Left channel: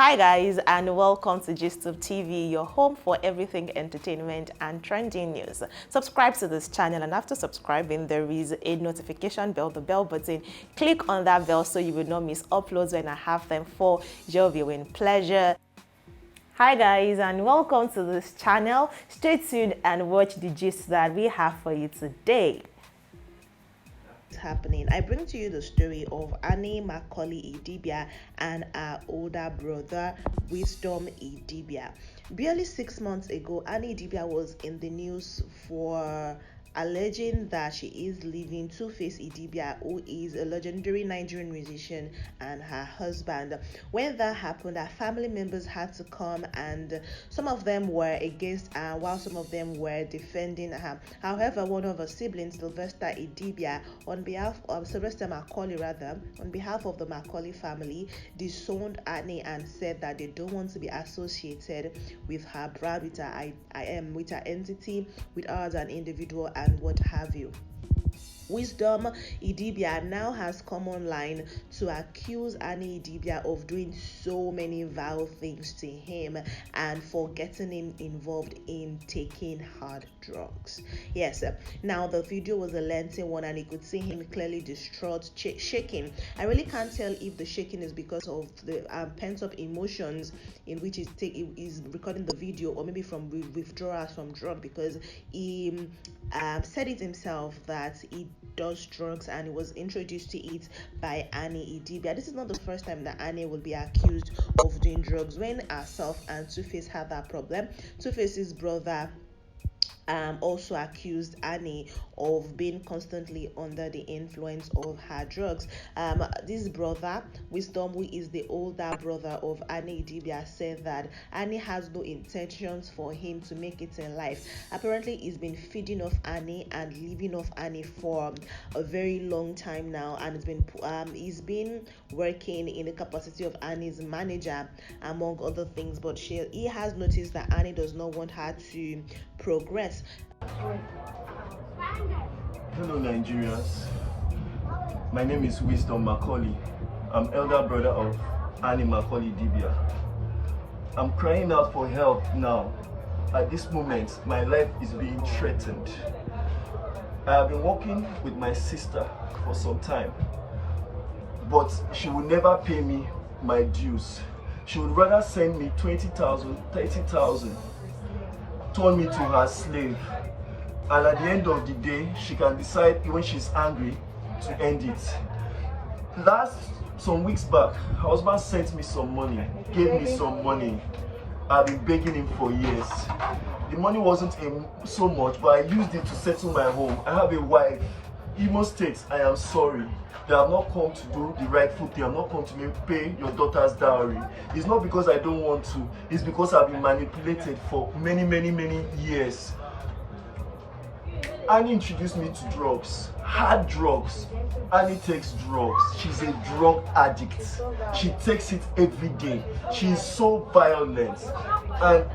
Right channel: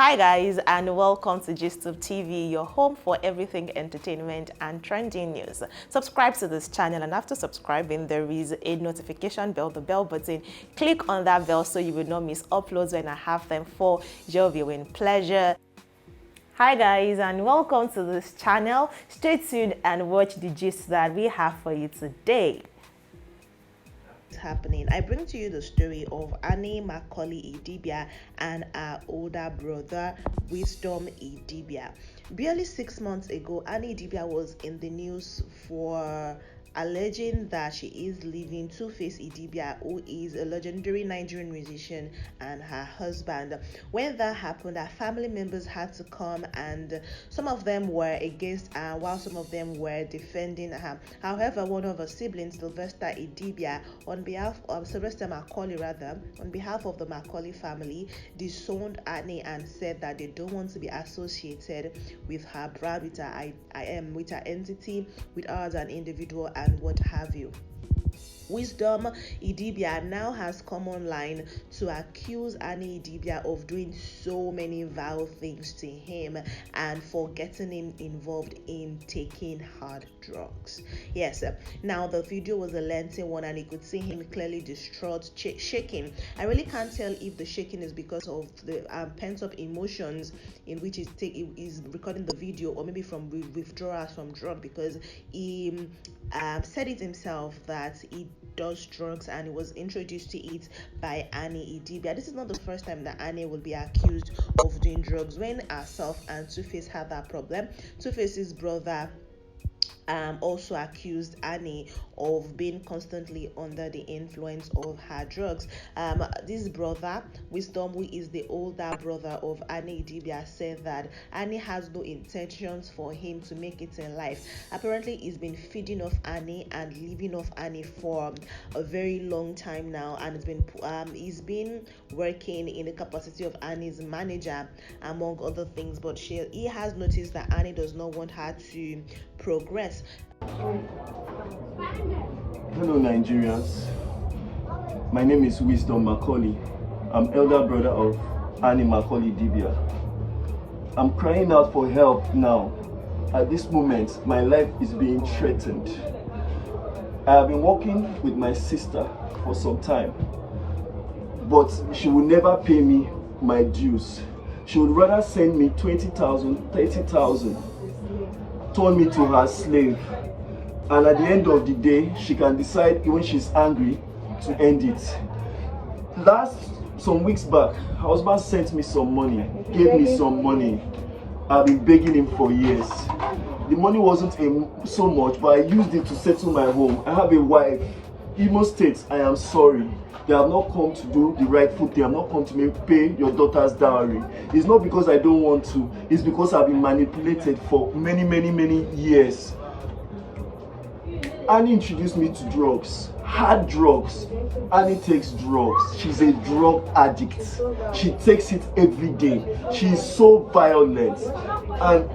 Hi guys, and welcome to GISTUBE TV, your home for everything entertainment and trending news. Subscribe to this channel, and after subscribing there is a notification bell, the bell button. Click on that bell so you will not miss uploads when I have them for your viewing pleasure. Hi guys, and welcome to this channel. Stay tuned and watch the gist that we have for you today. Happening, I bring to you the story of Annie Idibia and her older brother Wisdom Idibia. Barely 6 months ago, Annie Idibia was in the news for alleging that she is leaving Two-Face Idibia, who is a legendary Nigerian musician, and her husband. When that happened, her family members had to come, and some of them were against her while some of them were defending her. However, one of her siblings, Sylvester Idibia, on behalf of Sylvester Macaulay on behalf of the Macaulay family, disowned Annie and said that they don't want to be associated with her brand, with her entity, with her as an individual, and what have you. Wisdom Idibia now has come online to accuse Annie Idibia of doing so many vile things to him and for getting him involved in taking hard drugs. Yes, now the video was a lengthy one, and you could see him clearly distraught, shaking. I really can't tell if the shaking is because of the pent-up emotions in which he's recording the video, or maybe from withdrawals from drug, because he said it himself that he does drugs and he was introduced to it by Annie Idibia. This is not the first time that Annie will be accused of doing drugs. When herself and Two-Face had that problem, Two-Face's brother also accused Annie of being constantly under the influence of her drugs. This brother, Wisdom, who is the older brother of Annie Idibia, said that Annie has no intentions for him to make it in life. Apparently, he's been feeding off Annie and living off Annie for a very long time now, and he's been working in the capacity of Annie's manager, among other things. But he has noticed that Annie does not want her to progress. Hello Nigerians, my name is Wisdom Macaulay. I'm elder brother of Annie Idibia. I'm crying out for help now. At this moment, my life is being threatened. I have been working with my sister for some time, but she will never pay me my dues. She would rather send me 20,000, 30,000, turn me to her slave, and at the end of the day she can decide when she's angry to end it. Some weeks back, her husband sent me some money, gave me some money. I've been begging him for years. The money wasn't so much, but I used it to settle my home. I have a wife. Imo State, I am sorry. They have not come to do the rightful thing. I'm not come to pay your daughter's dowry. It's not because I don't want to. It's because I've been manipulated for many years. Annie introduced me to drugs, hard drugs. Annie takes drugs. She's a drug addict. She takes it every day. She's so violent. And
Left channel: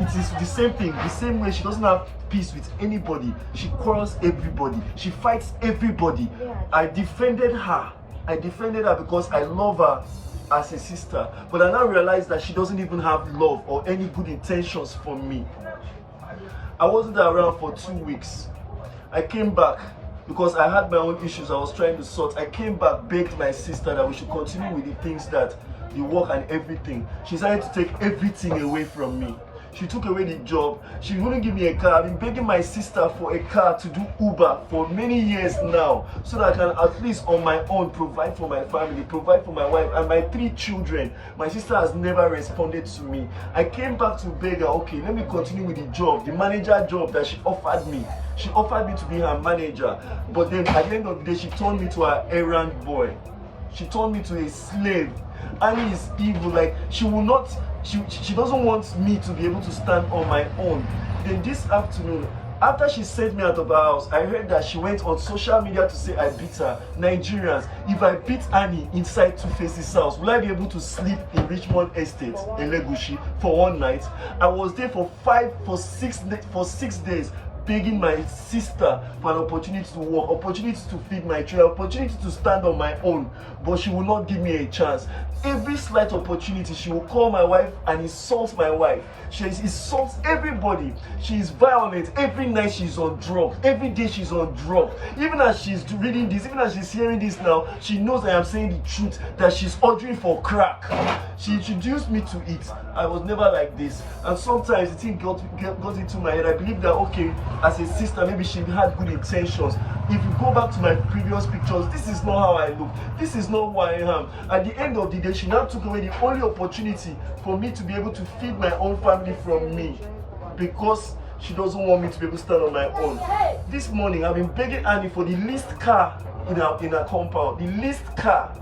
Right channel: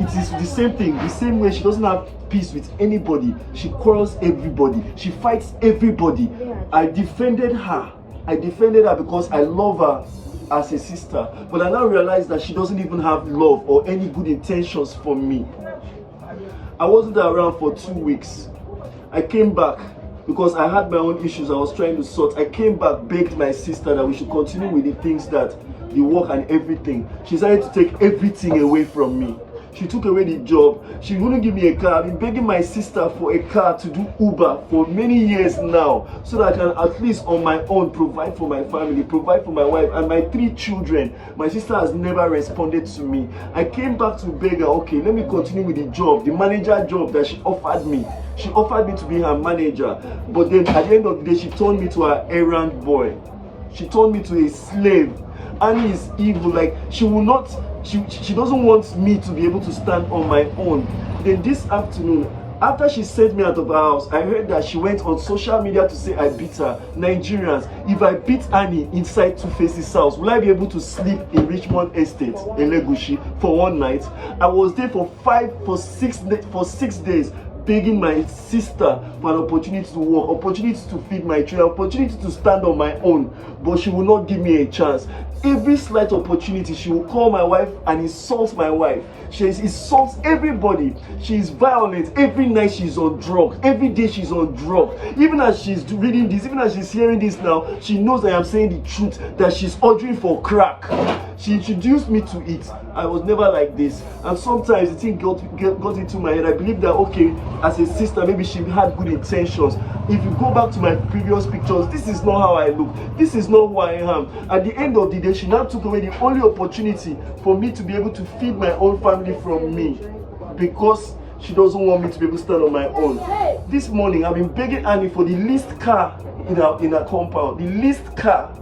it is the same thing, the same way. She doesn't have peace with anybody. She quarrels everybody. She fights everybody. I defended her because I love her as a sister. But I now realize that she doesn't even have love or any good intentions for me. I wasn't around for 2 weeks. I came back because I had my own issues I was trying to sort. I came back, begged my sister that we should continue with the things, that the work and everything. She decided to take everything away from me. She took away the job. She wouldn't give me a car. I've been begging my sister for a car to do Uber for many years now, so that I can at least on my own provide for my family, provide for my wife and my 3 children. My sister has never responded to me. I came back to beg her, okay, let me continue with the job, the manager job that she offered me. She offered me to be her manager, but then at the end of the day, she turned me to her errand boy. She turned me to a slave. Annie is evil. Like, she doesn't want me to be able to stand on my own. Then this afternoon, after she sent me out of her house, I heard that she went on social media to say I beat her. Nigerians, if I beat Annie inside Two-Face's house, will I be able to sleep in Richmond Estate in Legushi for one night? I was there for 6 days begging my sister for an opportunity to work, opportunity to feed my children, opportunity to stand on my own, but she will not give me a chance. Every slight opportunity, she will call my wife and insult my wife. She insults everybody. She is violent. Every night she's on drugs. Every day she's on drugs. Even as she's reading this, even as she's hearing this now, she knows I am saying the truth, that she's ordering for crack. She introduced me to it. I was never like this, and sometimes the thing got into my head. I believe that, okay, as a sister, maybe she had good intentions. If you go back to my previous pictures, this is not how I look. This is not who I am. At the end of the day, she now took away the only opportunity for me to be able to feed my own family from me, because she doesn't want me to be able to stand on my own. This morning, I've been begging Annie for the least car in her compound, the least car,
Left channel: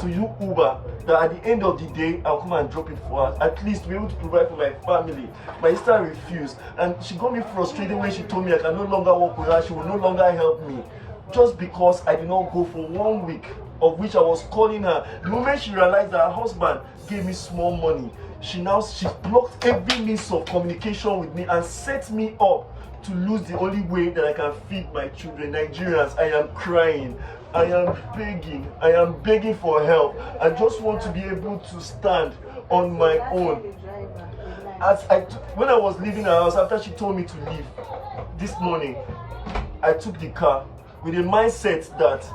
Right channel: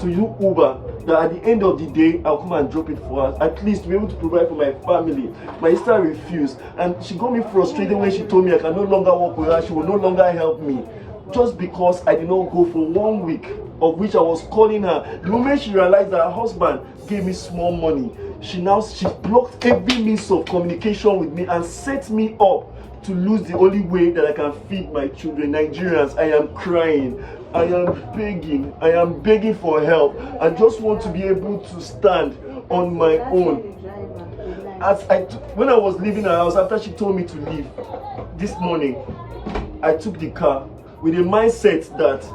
to use Uber, that at the end of the day, I'll come and drop it for her, at least to be able to provide for my family. My sister refused, and she got me frustrated when she told me I can no longer work with her, she will no longer help me. Just because I did not go for 1 week, of which I was calling her. The moment she realized that her husband gave me small money, she blocked every means of communication with me and set me up to lose the only way that I can feed my children. Nigerians, I am crying. I am begging for help. I just want to be able to stand on my own. When I was leaving her house, after she told me to leave this morning, I took the car with a mindset that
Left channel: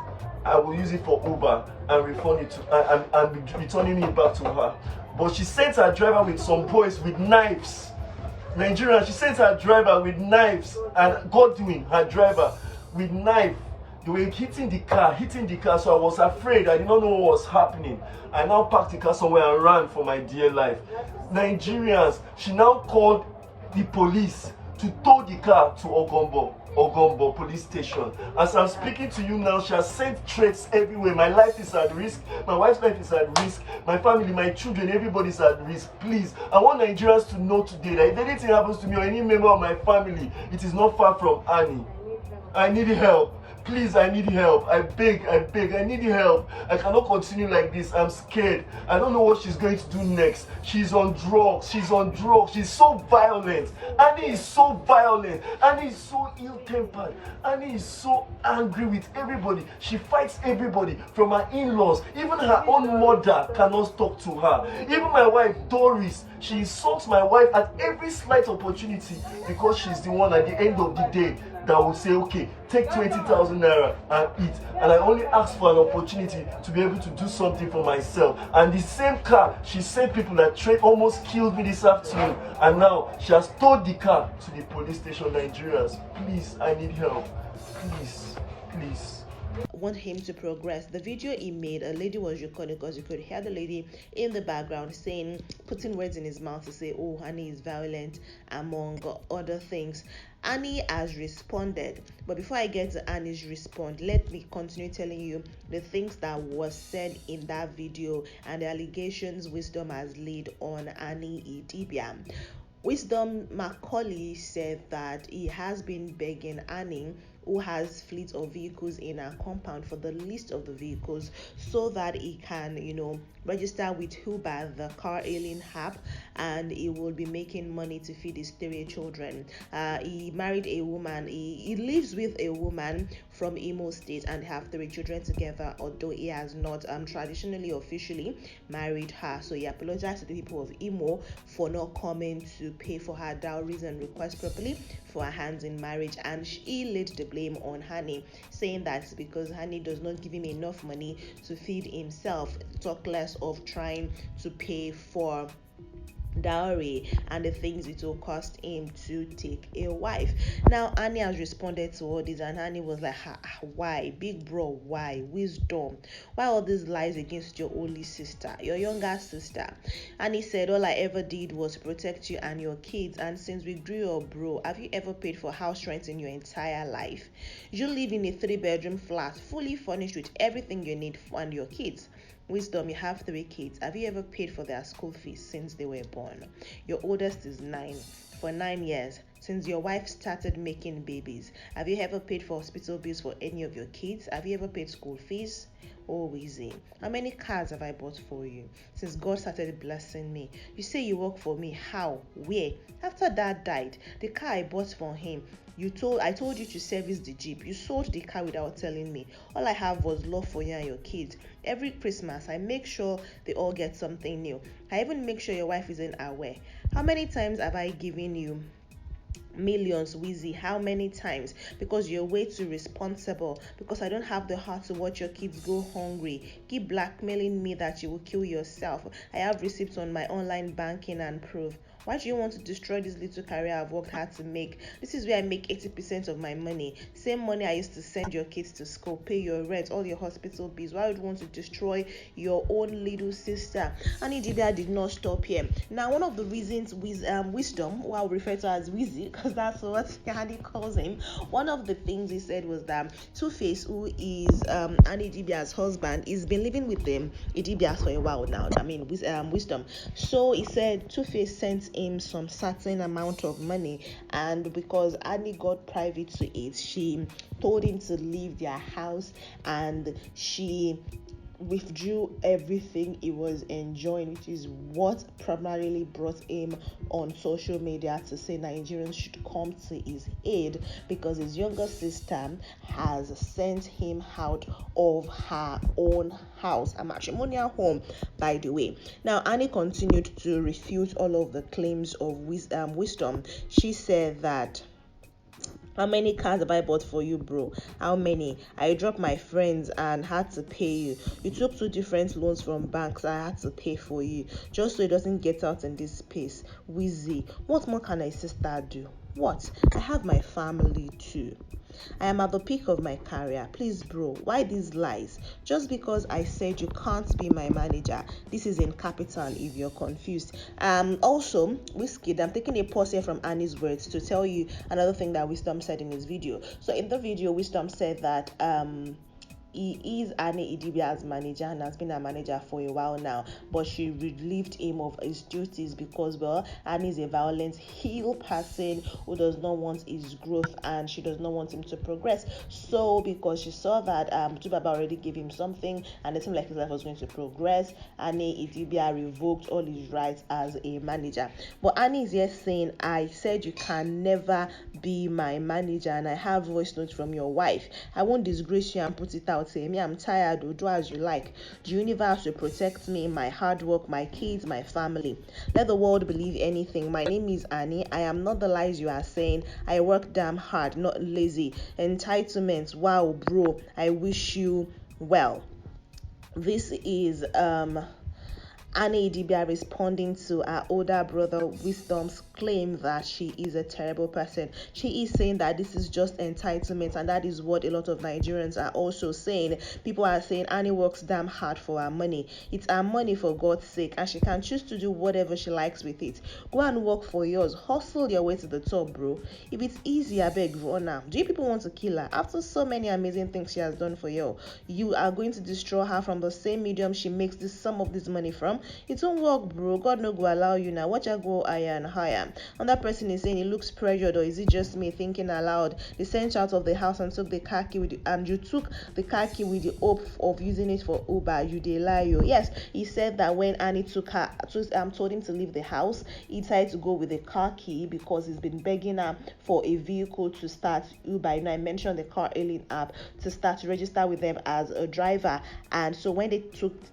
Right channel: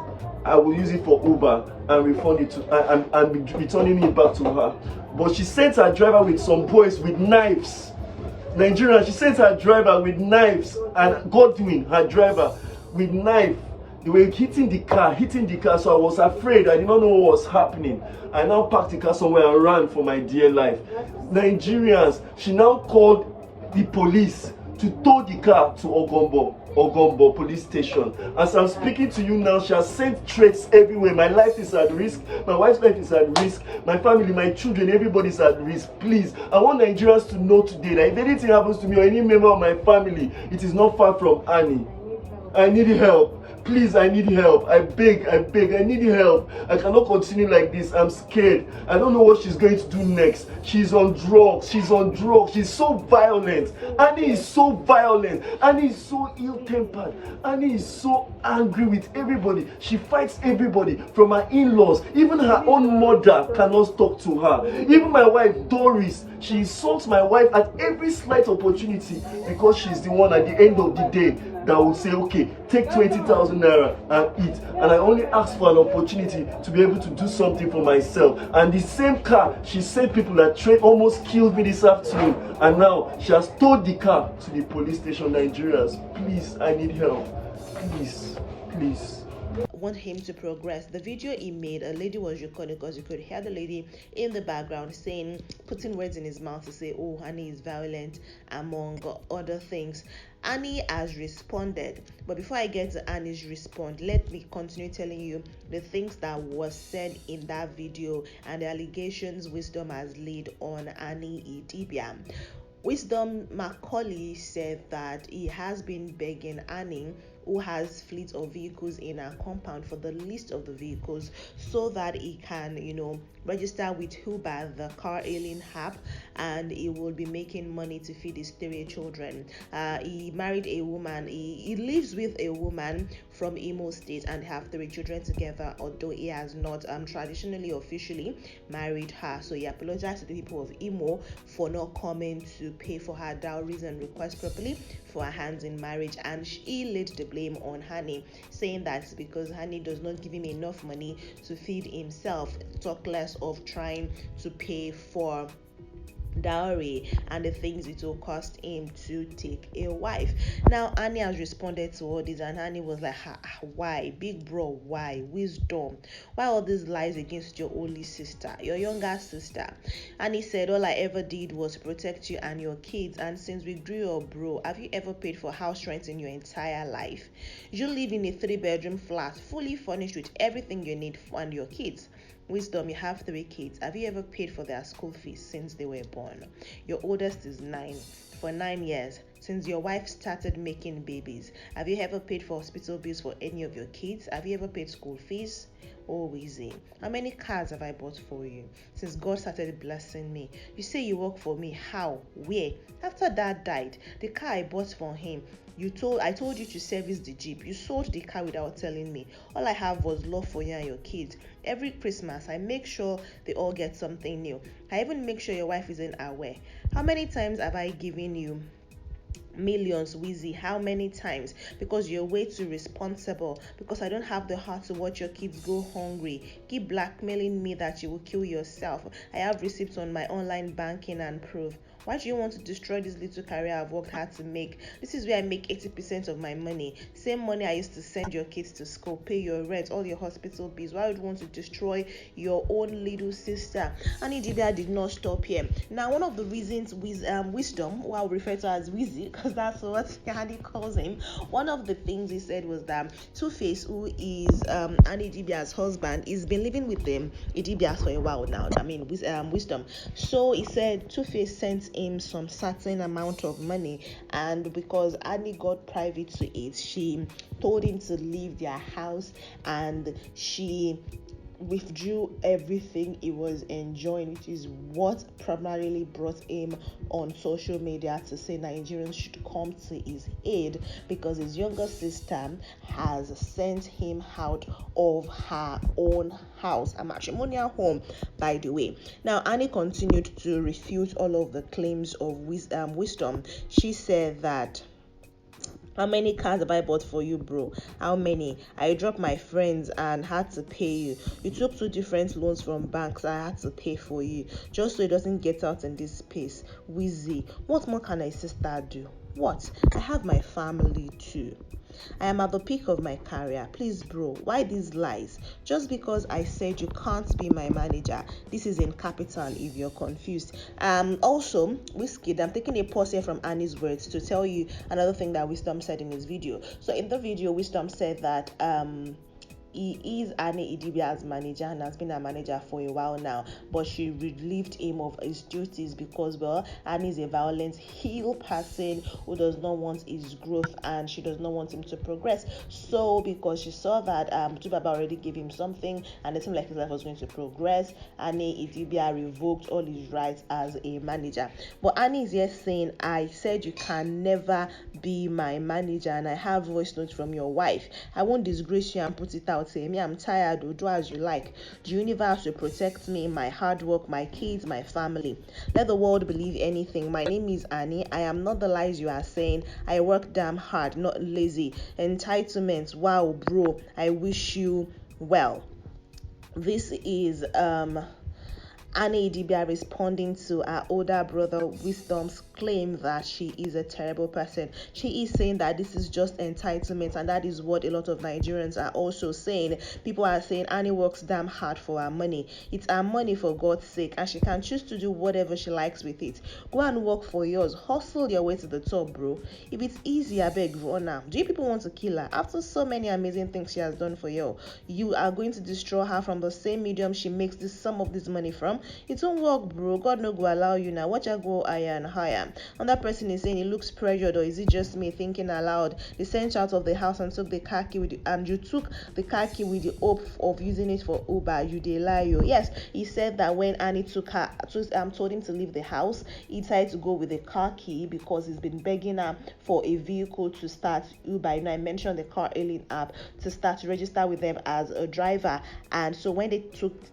I will use it for Uber and refund it to and be returning it back to her. But she sent her driver with some boys with knives. Nigerian, she sent her driver with knives, and Godwin, her driver, with knife. They were hitting the car, so I was afraid. I did not know what was happening. I now parked the car somewhere and ran for my dear life. Nigerians, she now called the police to tow the car to Ogombo police station. As I'm speaking to you now, she has sent threats everywhere. My life is at risk, my wife's life is at risk, my family, my children, everybody's at risk. Please, I want Nigerians to know today that if anything happens to me or any member of my family, it is not far from Annie. I need help. Please, I need help. I beg, I need help. I cannot continue like this. I'm scared. I don't know what she's going to do next. She's on drugs. She's so violent. Annie is so violent. Annie is so ill-tempered. Annie is so angry with everybody. She fights everybody, from her in-laws. Even her own mother cannot talk to her. Even my wife, Doris, she insults my wife at every slight opportunity, because she's the one at the end of the day that will say, okay, take 20,000 naira and eat. And I only asked for an opportunity to be able to do something for myself. And the same car, she sent people that almost killed me this afternoon. And now she has towed the car to the police station. Nigerians, please, I need help. Please, please. Want him to progress. The video he made, a lady was recording, because you could hear the lady in the background saying, putting words in his mouth to say, oh, Annie is violent, among other things. Annie has responded, but before I get to Annie's response, let me continue telling you the things that was said in that video and the allegations Wisdom has laid on Annie Idibia. Wisdom Macaulay said that he has been begging Annie, who has fleet of vehicles in her compound, for the list of the vehicles so that he can, register with Uber, the car hailing app, and he will be making money to feed his 3 children. He married a woman. He lives with a woman from Imo State and have 3 children together, although he has not traditionally officially married her. So he apologized to the people of Imo for not coming to pay for her dowries and request properly for her hands in marriage, and he laid the blame on Annie, saying that because Annie does not give him enough money to feed himself, talk less of trying to pay for dowry and the things it will cost him to take a wife. Now Annie has responded to all this, and Annie was like, why, big bro, why? Wisdom, why all these lies against your only sister, your younger sister? Annie said, all I ever did was protect you and your kids, and since we grew up, bro, have you ever paid for house rent in your entire life? You live in a 3-bedroom flat, fully furnished with everything you need and your kids. Wisdom, you have 3 kids. Have you ever paid for their school fees since they were born? Your oldest is 9. For 9 years, since your wife started making babies? Have you ever paid for hospital bills for any of your kids? Have you ever paid school fees? Oh, easy. How many cars have I bought for you since God started blessing me? You say you work for me. How? Where? After Dad died, the car I bought for him, I told you to service the Jeep. You sold the car without telling me. All I have was love for you and your kids. Every Christmas, I make sure they all get something new. I even make sure your wife isn't aware. How many times have I given you millions, Wheezy? How many times? Because you're way too responsible. Because I don't have the heart to watch your kids go hungry. Keep blackmailing me that you will kill yourself. I have receipts on my online banking and proof. Why do you want to destroy this little career I've worked hard to make? This is where I make 80% of my money. Same money I used to send your kids to school, pay your rent, all your hospital bills. Why would you want to destroy your own little sister? Annie Idibia did not stop here. Now, one of the reasons Wisdom, who I'll refer to as Wizzy, because that's what Annie calls him, one of the things he said was that Two-Face, who is Annie Idibia's husband, he's been living with them Idibia for a while now. I mean, Wisdom. So he said Two-Face sent him some certain amount of money, and because Annie got privy to it, she told him to leave their house, and she withdrew everything he was enjoying, which is what primarily brought him on social media to say Nigerians should come to his aid, because his younger sister has sent him out of her own house, a matrimonial home, by the way. Now, Annie continued to refute all of the claims of Wisdom. She said that, how many cars have I bought for you, bro? How many? I dropped my friends and had to pay you. You took 2 different loans from banks. I had to pay for you just so it doesn't get out in this space. Wheezy, what more can a sister do? What? I have my family too. I am at the peak of my career. Please, bro, why these lies? Just because I said you can't be my manager. This is in capital if you're confused. Also, Whiskey, I'm taking a pause here from Annie's words to tell you another thing that Wisdom said in his video. So in the video, Wisdom said that he is Annie Idibia's manager and has been a manager for a while now, but she relieved him of his duties because, well, Annie is a violent heel person who does not want his growth and she does not want him to progress. So because she saw that Tubaba already gave him something and it seemed like his life was going to progress, Annie Idibia revoked all his rights as a manager. But Annie is here saying, I said you can never be my manager and I have voice notes from your wife. I won't disgrace you and put it out. Say me, I'm tired, do as you like. The universe will protect me, my hard work, my kids, my family. Let the world believe anything. My name is Annie. I am not the lies you are saying. I work damn hard, not lazy. Entitlement, wow, bro, I wish you well. This is Annie Idibia responding to her older brother Wisdom's claim that she is a terrible person. She is saying that this is just entitlement, and that is what a lot of Nigerians are also saying. People are saying Annie works damn hard for her money. It's her money, for God's sake, and she can choose to do whatever she likes with it. Go and work for yours. Hustle your way to the top, bro. If it's easy, I beg, run now. Do you people want to kill her? After so many amazing things she has done for you, you are going to destroy her from the same medium she makes some of this money from? It won't work, bro. God no go allow you now. Watch her go higher and higher. Another person is saying he looks pressured, or is it just me thinking aloud? They sent you out of the house and took the car key and you took the car key with the hope of using it for Uber. You dey lie, yo. Yes, he said that when Annie told him to leave the house, he tried to go with the car key because he's been begging her for a vehicle to start Uber. You know, I mentioned the car hailing app to start to register with them as a driver. And so when they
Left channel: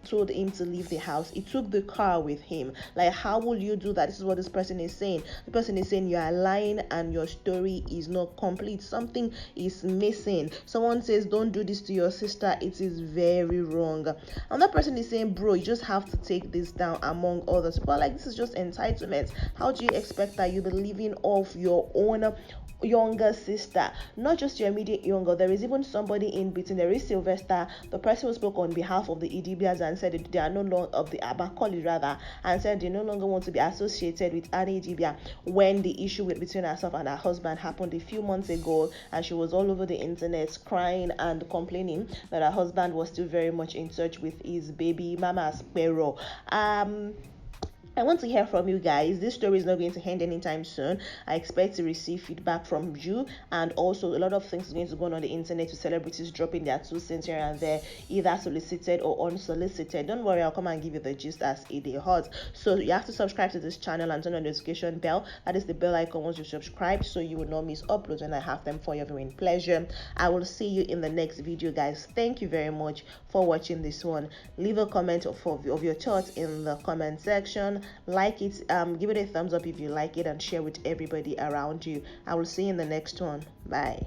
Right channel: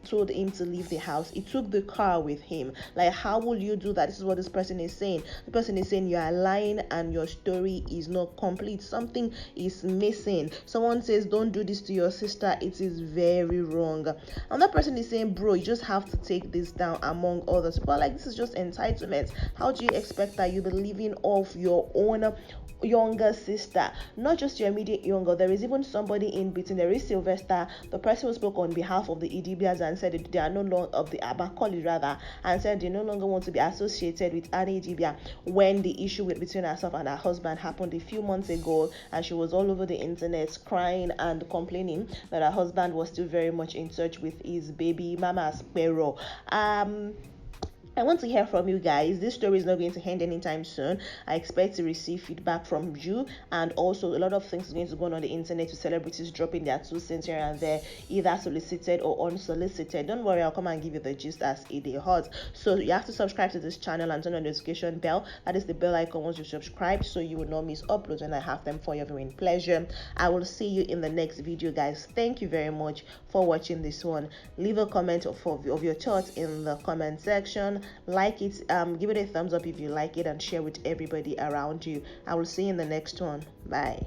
told him to leave the house, he took the car with him. Like, how will you do that? This is what this person is saying. The person is saying you are lying and your story is not complete. Something is missing. Someone says don't do this to your sister. It is very wrong. Another person is saying, bro, you just have to take this down, among others. But like, this is just entitlement. How do you expect that you be living off your own younger sister, not just your immediate younger? There is even somebody in between. There is Sylvester, the person who spoke on behalf of the Idibias and said that they are no longer of the Abakoli rather, and said they no longer want to be associated with Annie Idibia when the issue between herself and her husband happened a few months ago, and she was all over the internet crying and complaining that her husband was still very much in touch with his baby mama Sparrow. I want to hear from you guys. This story is not going to end anytime soon. I expect to receive feedback from you, and also a lot of things are going to go on the internet with celebrities dropping their 2 cents here and there, either solicited or unsolicited. Don't worry, I'll come and give you the gist as it is hot. So you have to subscribe to this channel and turn on the notification bell. That is the bell icon once you subscribe, so you will not miss uploads when I have them for your viewing pleasure. I will see you in the next video, guys. Thank you very much for watching this one. Leave a comment of your thoughts in the comment section. Like it, give it a thumbs up if you like it, and share with everybody around you. I will see you in the next one. Bye.